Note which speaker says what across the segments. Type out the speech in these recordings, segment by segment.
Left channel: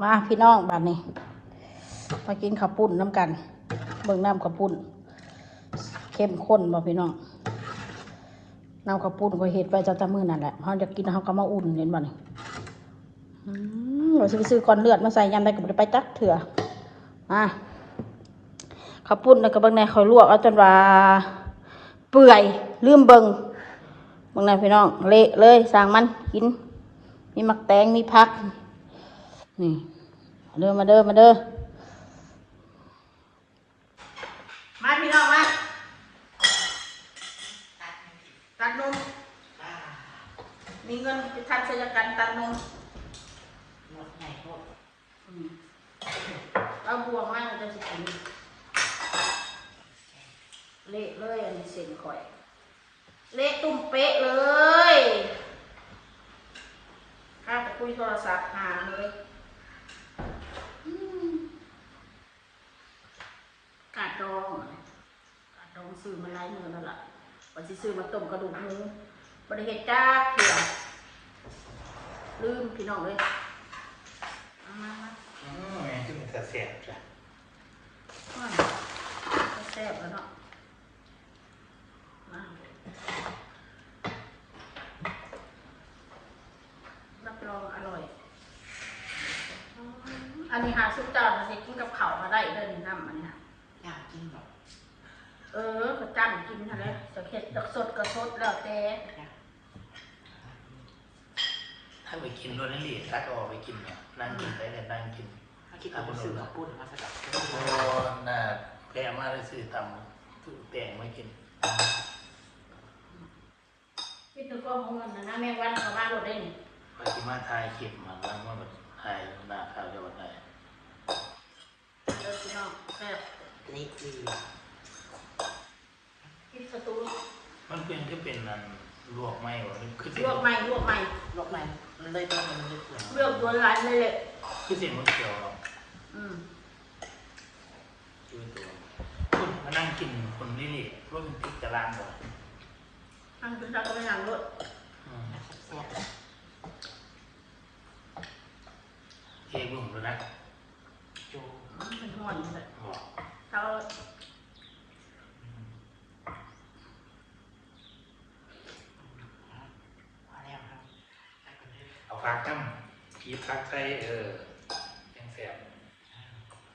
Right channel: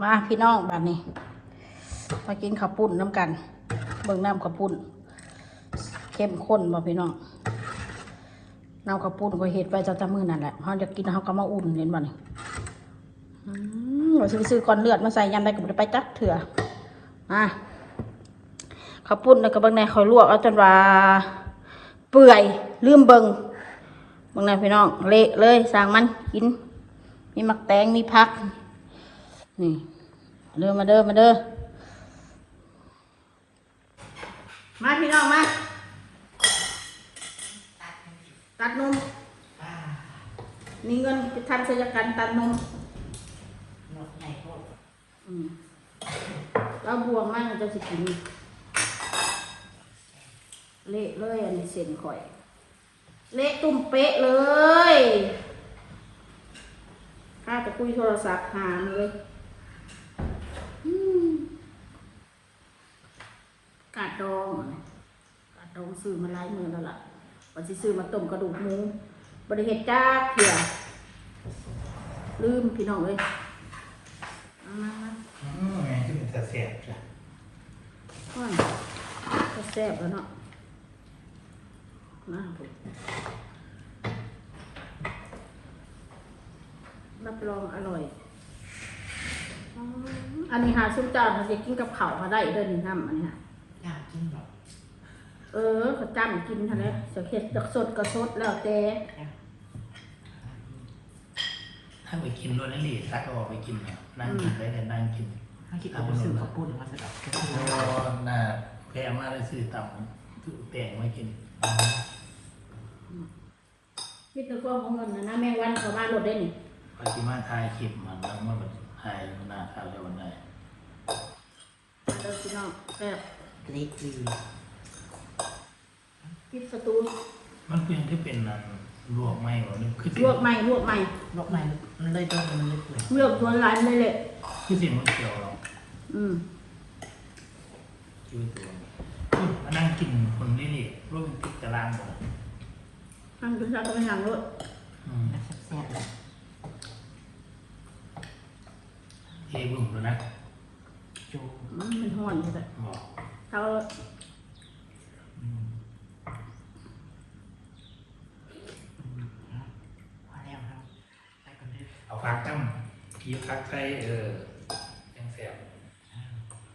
Speaker 1: มาพี่น้องบัดนี้ มากินข้าวปุ้นน้ำกัน เบิ่งน้ำข้าวปุ้น เข้มข้นบ่พี่น้องน้ำข้าวปุ้นก็เห็ดไปจากตะมือนั่นแหละเขาจะกินเขาก็มาอุ่นเห็นบ่นี่อืมเราซื้อซื้อก้อนเลือดมาใส่ยำได้ก็บ่ได้ไปจักเถื่อมาข้าวปุ้นแล้วก็เบิ่งในเขาลวกเอาจนว่าเปื่อยลืมเบิ่งเบิ่งในพี่น้องเละเลยสั่งมันกินมีหมักแตงมีพัก นี่มาเด้อมาเด้อมาเด้อมาพี่น้องมาตัดนมมีเงินไปทันศัลยกรรมตัดนมอืมแล้วบวงมากมันจะสิกินเละเลยอันนี้เส้นข่อยเละตุ่มเป๊ะเลยข้าไปคุยโทรศัพท์หามเลยอืมกาดดองกาดดอง ซื้อมาหลายมือแล้วล่ะวันที่ซื้อมาต้มกระดูกหมูบริเฮ็ดจ้าเขี่ยลืมพี่น้องเลยเอามามา
Speaker 2: อืมไงที่มันจะเสียจ้ะ
Speaker 1: โอ้ยก็แซ่บแล้วเนาะมาผมรับรองอร่อยอืมอันนี้หาซุ้มจานมันจะกินกับข้าวมาได้เดินน้ำอันนี้ค่ะ
Speaker 2: ยากจริงเหรอ
Speaker 1: เออเขาจ้ำกินทันนี้เสียเข็ดจากสดก็สดแล้วแต่
Speaker 2: ถ้าไปกินโดนนั่นนี่ถ้าก็ออกไปกินเนี่ยนั่งกินได้แต่นั่งกิน
Speaker 3: ถ้าคิดเอาไปซื้อข้าวปุ้นมาแบบ
Speaker 2: โอ้น่าแพงมากเลยซื้อเต่าซื้อแต่มากิน
Speaker 1: คิดถึงพวกของเงินนะนะแมงวันเขาบ้านรถได้นี่
Speaker 2: ปฏิมาทายคลิปมาแล้วเมื่อถ่ายหน้าถ่ายโดนได้
Speaker 1: เออพี่น้องแซ่บ
Speaker 3: เล็กดี
Speaker 1: คิดประตู
Speaker 2: มันเป็นที่เป็นอะไรลวกไหมวะมันคือ
Speaker 1: ล
Speaker 2: เสียว
Speaker 1: กใหม่ลวกใหม่
Speaker 3: นกไม้มันเลยต้องมันเล็กกว่า
Speaker 1: เลือกตัวลายไม่ได้เลย
Speaker 2: คือเสียงมันเสียวหรอ
Speaker 1: อืม
Speaker 2: คือเสียงมานั่งกินคนนี้นี่มันติดตารางบอก
Speaker 1: ตั้งตัวชาตัวอย่างรถ
Speaker 2: อืม
Speaker 3: แซ่บ
Speaker 2: เองหนุ่มเลยนะ
Speaker 3: จุก
Speaker 1: อืมมันห่อนเลย
Speaker 2: บอก
Speaker 1: เขา
Speaker 3: พอแล้วครับได้คนนี้
Speaker 2: เอาพักตั้มพีพักใส่เออแข็งแสบ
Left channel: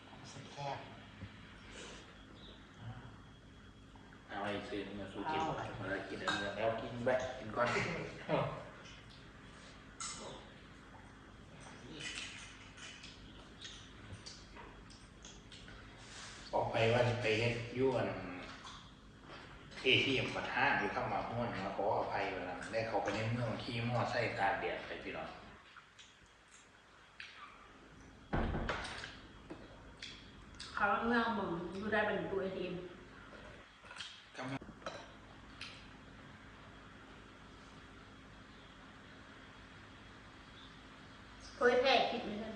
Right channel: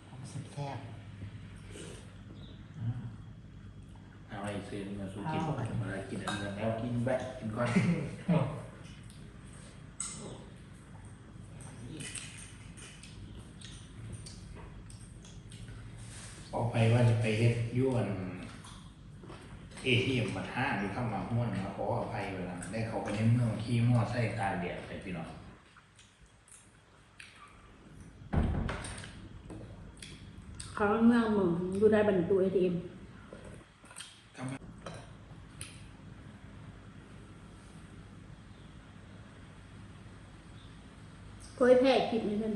Speaker 3: ความสุดแซ่บ
Speaker 2: เอาไอ้เซนมาสู้กินอะไรกินอะไรแล้วกินแบะกินก้อนออกไปว่าจะไปเฮ็ดยั่วนเอที่อยู่มาห้าอยู่ข้างมาห้วนมาขออภัยเลยนะได้เขาไปในเมืองที่มั่วไส้การเดียดไปพี่น้อง
Speaker 1: เขาเมืองมึงดูได้บรรจุไอทีเอ็ม เคยแพ้คิดนี่นั่น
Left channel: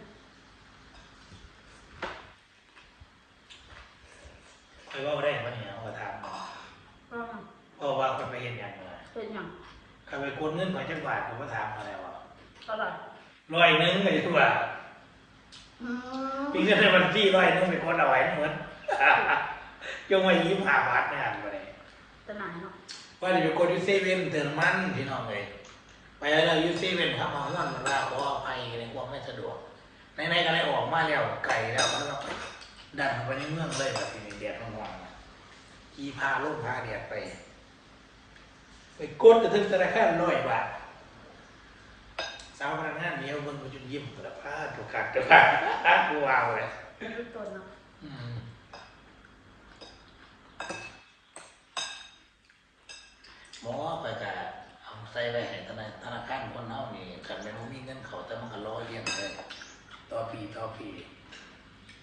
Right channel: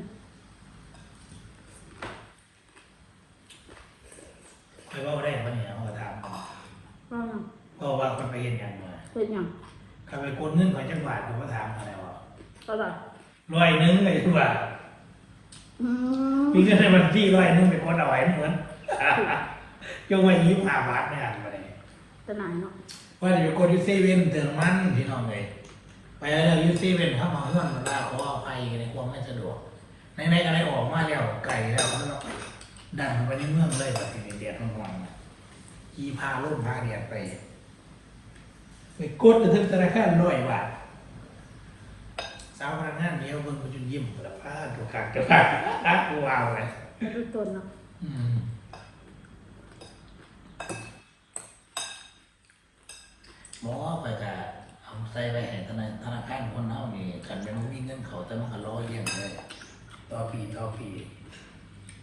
Speaker 2: เขาเล่าได้ปะเนี่ยเอาถาม
Speaker 1: ก็
Speaker 2: เพราะว่าเขาไปเห็นอย่างไร
Speaker 1: เป็นอย่าง
Speaker 2: เขาไปกดเงินไปจังหวัดเขาก็ถามอะไรวะ
Speaker 1: ตลอด
Speaker 2: ร้อยหนึงไปทุกวัน
Speaker 1: อืม
Speaker 2: มีเงินในบัญชีร้อยหนึงไปกดเอาไว้เหมือนยกเว้นยิ้มหาบาทไม่หาอะไร
Speaker 1: ตลาดเนาะ
Speaker 2: ว่าเดี๋ยวกดยูเซเว่นเติมน้ำมันพี่น้องไปไปแล้วยูเซเว่นทำมาเรื่องตาเราว่าไปในความไม่สะดวกในในอะไรออกมาแล้วไก่แล้วก็ดันไปในเมืองเลยแบบนี้เดียดมากๆขี่พาลูกหาเดียดไปไปกดถึงธนาคารร้อยบาทสาวพนักงานเนี้ยมึงมันยิ้มเปิดผ้าถูกขัดเกี่ยวกับรักวาวเลย
Speaker 1: รูปต้นเนาะ
Speaker 2: อืมหมอก็จะเอาใส่ได้ให้ธนาธนาคารคนเอานี่กันเป็นมีเงินเขาจะมาล้อเยี่ยมเลยต่อปีต่อปี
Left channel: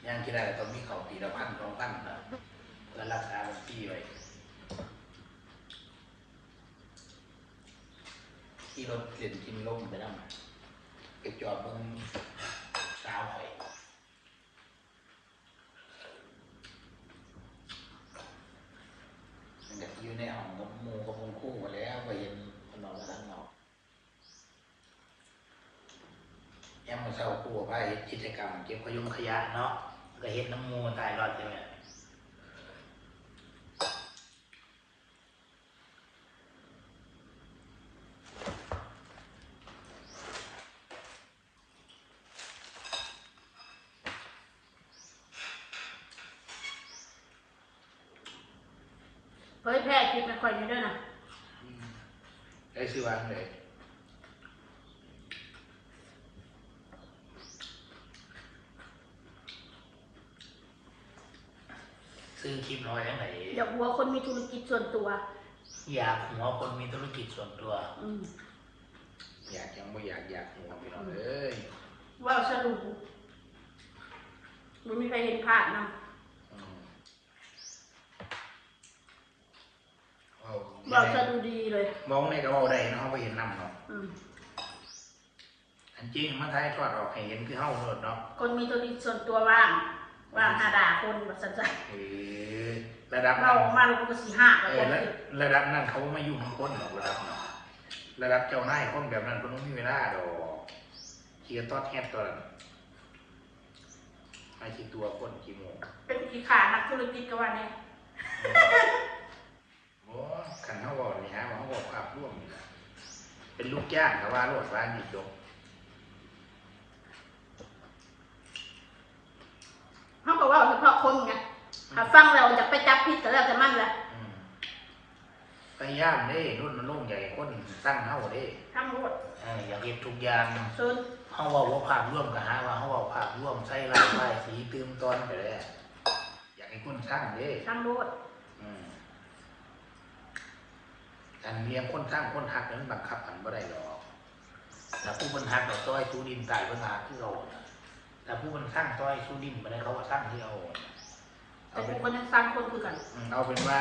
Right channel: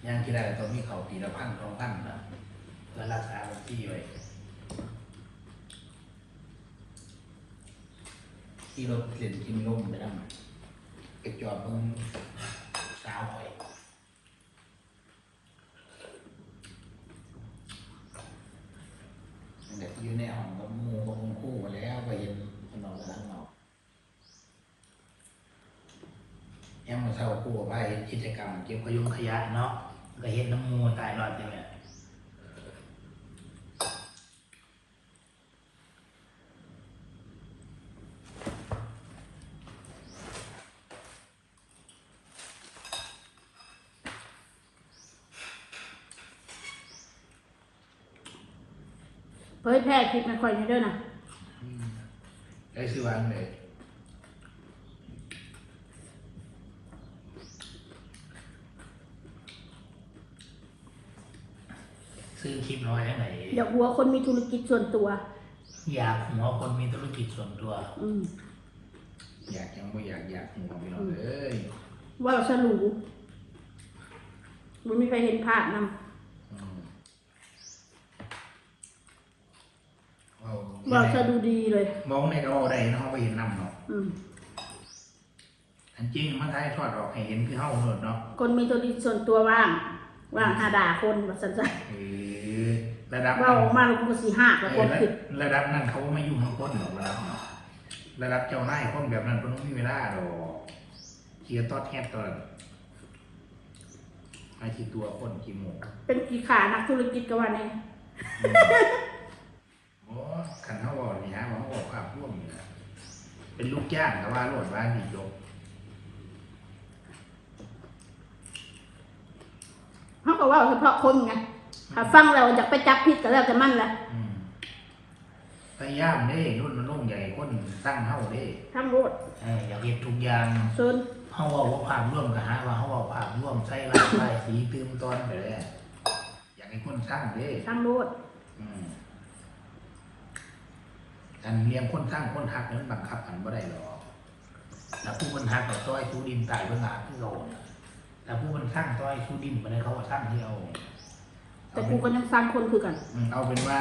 Speaker 2: ยังที่ได้ต้องมีเขาปีละพันสองพันนะเพื่อรักษาบัญชีเลยที่รถเปลี่ยนกินลมไปแล้วเก็บจอบมึงสาวไป เด็กอยู่ในห้องผมมูมูคู่มาแล้วไปเห็นนอนข้างนอก ยังมาเช่ากูผู้ไปกิจกรรมเก็บขยงขยะเนาะไปเห็นน้ำมูตายรอดเลย
Speaker 1: เผยแพร่คลิปมันคอยอยู่ด้วยนะ
Speaker 2: ได้ชื่อวางเลยซื้อคลิปน้ อยให้ไหน
Speaker 1: อยากหัวคนมีธุรกิจส่วนตัว
Speaker 2: อยากหัวคนมีธุรกิจส่วนตัว
Speaker 1: อืม
Speaker 2: อยากยังไม่อยากอยากหัวไปหน่อยเอ้ย
Speaker 1: ว่าเราสรูมันมีใครเห็นภาพนะ
Speaker 2: อืมเอา
Speaker 1: ว่าสรูดีเลย
Speaker 2: มองในกระโหลกไอ้เขาไปเห็นน้ำหรอก
Speaker 1: อืม
Speaker 2: อันจริงมันได้ทอดออกให้เห็นคือเฮาหมดเนาะ
Speaker 1: คนมีธุรกิจส่วนตัวว่าง ว่างหาด่าคนว่าสันสัน
Speaker 2: เออ ระดับ
Speaker 1: ว่าออกมาเราก็สี่ห้าแล้ว
Speaker 2: เอ
Speaker 1: ค
Speaker 2: อน
Speaker 1: ผิด
Speaker 2: ระดับนั้นเขาไม่ยุ่งกับคนของเราระดับเจ้านายคนแบบนั้นคนไม่มีเวลาดอกเชียร์ตอดแทบตลอดไอ้ที่ตัวคนกี่โมง
Speaker 1: เป็นกี่ขานักธุรกิจกันวันนี้
Speaker 2: อืมโอ้ขันเขาบอกนี่ฮะว่าเขาบอกขับร่วมนี่นะเป็นลูกจ้างแต่ว่าโลกบ้านนี่จบ
Speaker 1: เขาก็ว่าเฉพาะคนไงถ้า ฟังเราอยากไปจับผิดก็แล้วแต่มันแหละ
Speaker 2: อืมพยายามเด้รุ่นมันรุ่นใหญ่คนตั้งเท่าเด้
Speaker 1: ทั้งรถ
Speaker 2: เอออยากเห็นทุกอย่าง
Speaker 1: ส่วน
Speaker 2: เขาบอกว่าความร่วมกับฮะว่าเขาบอกความร่วมใส่ร้ายไว้สีตื่นตอนไปแล้วอยากให้คนสร้างเด้
Speaker 1: ทั้งรถ
Speaker 2: อืมการเลี้ยงคนสร้างคนหักนั้นบังคับกันก็ได้หรอกแล้วผู้คนหักกับต้อยทุดินตายเรื่องงานที่เราแต่ผู้คนสร้างต้อยทุดินไปเลยเขาก็สร้างให้เรา
Speaker 1: แต่กูก็ยังฟังคนคือกัน
Speaker 2: อืมเอาเป็นว่า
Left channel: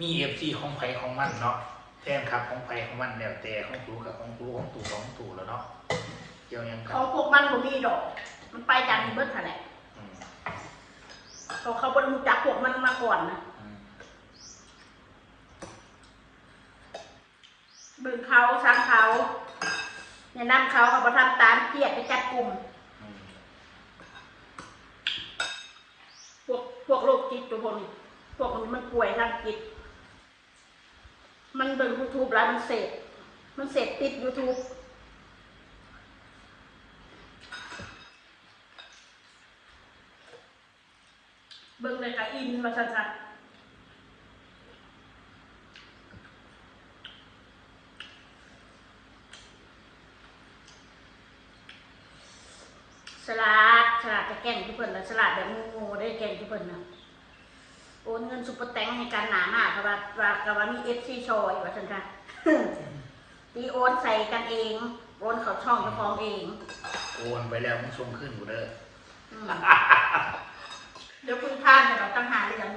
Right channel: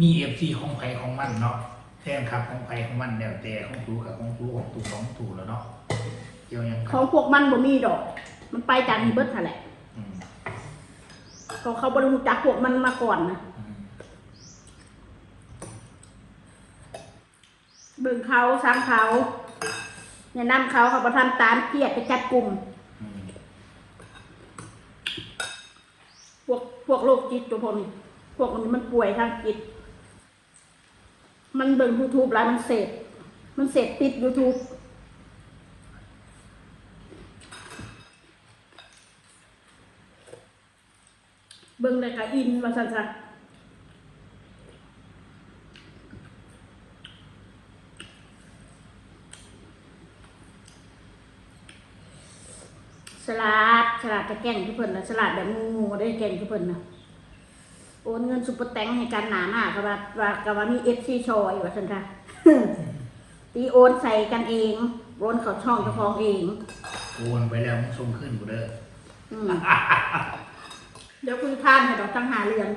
Speaker 2: มีเอฟซีของใครของมันเนาะแทนครับของใครของมันแล้วแต่ของตูกับของตูของตูของตูแล้วเนาะเกี่ยวยัง
Speaker 1: ของพวกมันบ่มีดอก มันไปจากอีเบิร์ดแหละ
Speaker 2: อืม
Speaker 1: ก็เขาบริรู้จักพวกมันมาก่อนนะ
Speaker 2: อืม
Speaker 1: เบิ่งเขาสร้างเขาเนี่ยนำเขาเขาประทำตามเกียรติไปจัดกลุ่ม
Speaker 2: อืม
Speaker 1: พวกโรคจิตตัวพวกนี้พวกนี้มันป่วยทางจิต มันเบิ่งยูทูบแล้วมันเสพมันเสพติดยูทูบเบิ่งแต่ก็อินมาสั่นๆสลั ดสลัดจะแกล้งที่เพิ่นนะสลัดแบบงูได้แกล้งที่เพิ่นนะโอนเงินซุปเปอร์แตงให้การหนาหน้ากับว่าว่ากับว่ามีเอฟซีชอยว่าฉันค่ะตีโอนใส่กันเองโอนเขอช่องเจ้าของเอง
Speaker 2: โอนไปแล้วมันส่งขึ้นกูเด้อ
Speaker 1: อืมเดี๋ยวคุยพานให้เราตั้งหาเรื่อง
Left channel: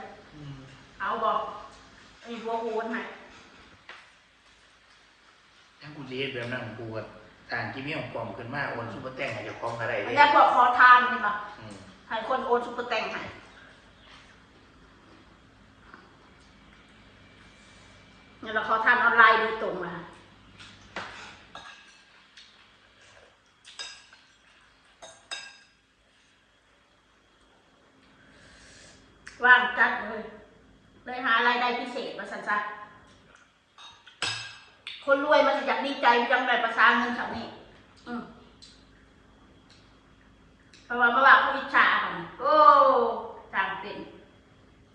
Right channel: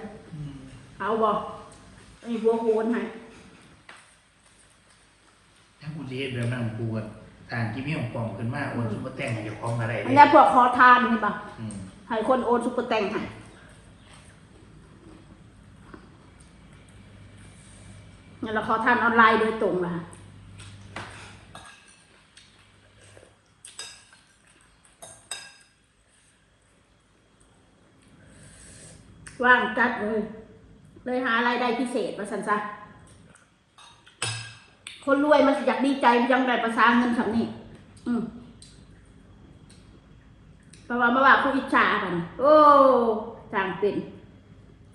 Speaker 1: เอาบอกไอ้บัวโอนให้
Speaker 2: ถ้ากูจะเฮ็ดแบบนั้นกูก็ การที่มีองค์กรขึ้นมาโอนซุปเปอร์แต่งมาจากของอะไร
Speaker 1: อัน
Speaker 2: เนี่
Speaker 1: นี้
Speaker 2: ย
Speaker 1: พวกขอทานเห็นปะ
Speaker 2: อืม
Speaker 1: ให้คนโอนซุปเปอร์แตงให้งั้นเราขอทานออนไลน์โดยตรงละว่างจัดเลยเลยหารายได้พิเศษมาสันซะ คนรวยมันอยากดีใจยังแบบประสาเงินสำนี่อืมเพราะว่าเมื่าผู้อิจฉาไปนี่โอ้จางเป็น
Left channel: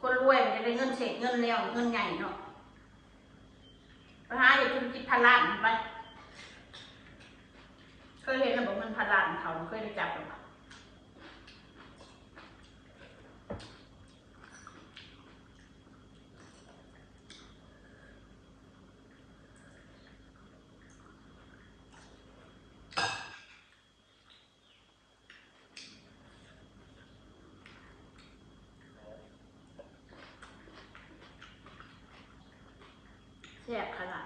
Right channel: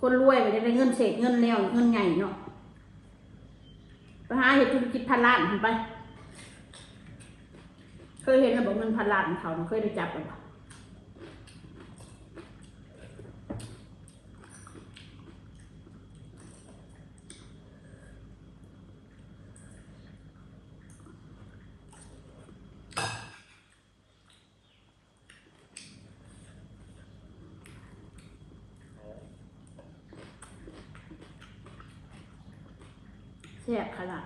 Speaker 1: คนรวยไปได้เงินเศษเงินแนวเงินใหญ่เนาะไปหาเหตุธุรกิจพันล้านไป เคยเห็นระบบเงินพันล้านของเขา เคยได้จับหรือเปล่า แซ่บขนาด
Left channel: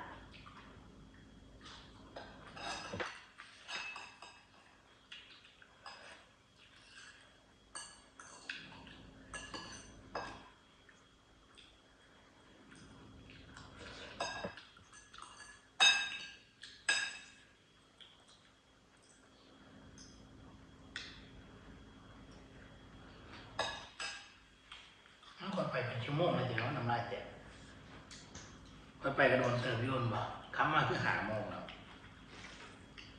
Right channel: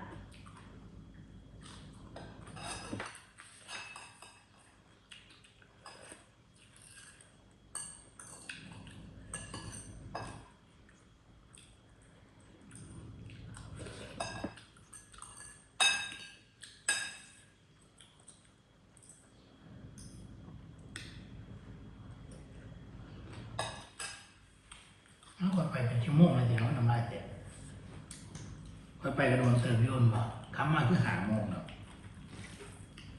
Speaker 2: ไปเป็นชั่วโมง ไปไปกับน้องเติมพี่คนบอกคำมาคือหาโมงแล้ว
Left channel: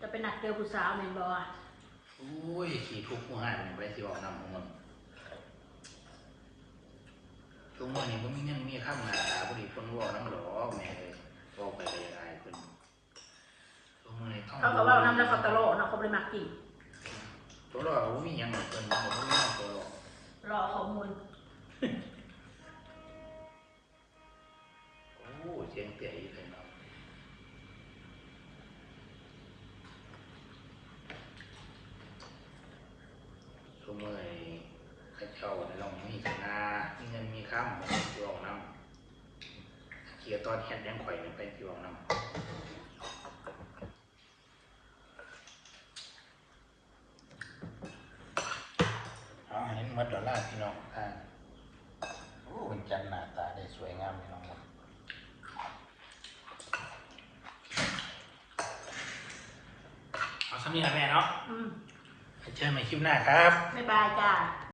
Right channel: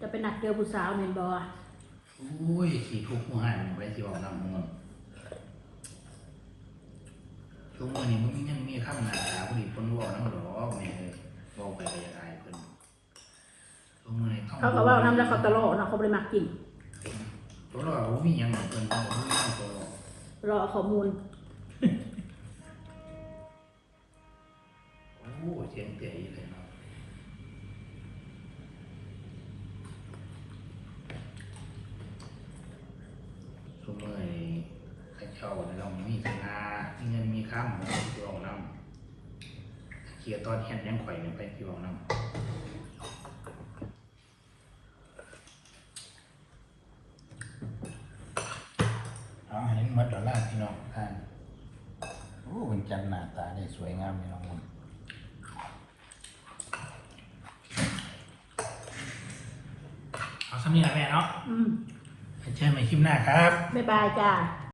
Speaker 1: จะเป็นนักเจอผู้สาวเมนบอ
Speaker 2: โอ้ยขี่ทุกผู้หันไปที่ออกลำโมงทุกวันนี้มันยังมีข้ามหนาพอดีต้องบอกน้องหลอแม่เนี่ยบอกไปยังไงเป็นทุกวันนี้ต้อง
Speaker 1: เขาก็ว่าทำแล้วเขาตลกเนาะเขาบริมักกิน
Speaker 2: ตัวเราไม่มีอย่างอื่นตัวเราไม่ต้องตัว
Speaker 1: รอข้อมูล
Speaker 2: กียร์ตอนแข่งยังข่อยเป็นไปที่เรานำอ๋อเห็นเหมือนดอลลาร์พี่น้องอ่าโอ้เป็นจันทร์หน้าตาได้สวยงามพี่น้องครับเอาสำนีนะแม่เนาะ
Speaker 1: อืม
Speaker 2: เจอกันใหม่คลิปหน้าครับ
Speaker 1: บ๊ายบายจ้า